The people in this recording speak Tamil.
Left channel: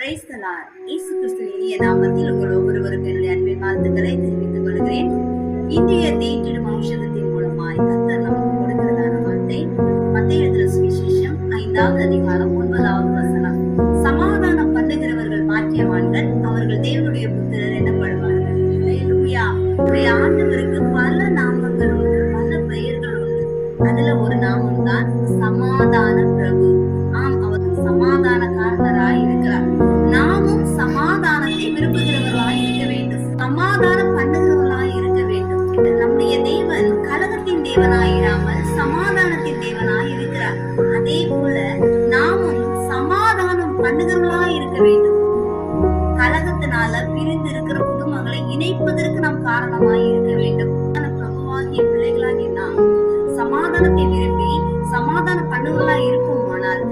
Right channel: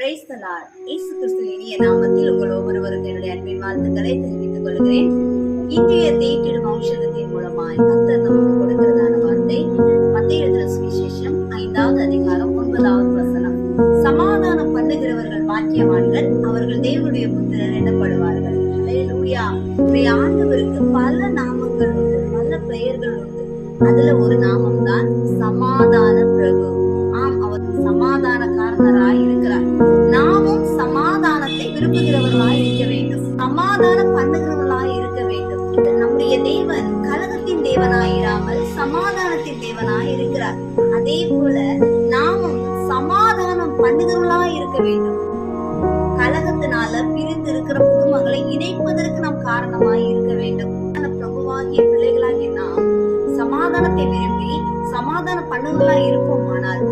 Praise the Lord. இயேசு கிறிஸ்துவின் இனிய நாமத்தில் உங்கள் ஒவ்வொருவருக்கும் என்னுடைய அன்பின் வாழ்த்துக்களை தெரிவித்துக் கொள்கிறேன். இன்றைய தேற்றிடும் ஔஷதத்தின் மூலமாய் கர்த்தர் நமக்கு கொடுக்கிறதான வார்த்தை மத்தேயு எழுதின சுவிசேஷம் 5வது அதிகாரம் 9வது வசனம். சமாதானம் பண்ணுகிறவர்கள் பாக்கியவான்கள், அவர்கள் தேவனுடைய புத்திரர் எனப்படுவார்கள். அல்லேலூயா. நம்முடைய ஆண்டவருக்கு பல நாமங்கள் உண்டு, பல பெயர்கள் உண்டு. அதுல ஒரு நாமம் தான் சமாதான பிரபு. ஆம், அவர் சமாதான காரணராய் இருக்கிறார். நாமும் சமாதானத்தை விரும்புகிறவர்களாய் இருக்க வேண்டும், சமாதானம் பண்ணுகிறவர்களாய் இருக்க வேண்டும். நம்முடைய தேவன் கலகத்தின் தேவனாய் இராமல் சமாதானத்தின் தேவனாய் இருக்கிறார். அதே போல நாமும் சமாதானம் பண்ணுகிறவர்களாய் இருக்க வேண்டும். கலகத்தினால பிரிந்து இருக்கிற குடும்பங்களை இணைப்பதற்கு நாம் காரணமாய் இருக்க வேண்டும். பிரபுவாகிய பிள்ளைகளாகிய நாம் சமாதானத்தை விரும்பி சமாதான பண்ணுவர்களாய் இருப்போமானால்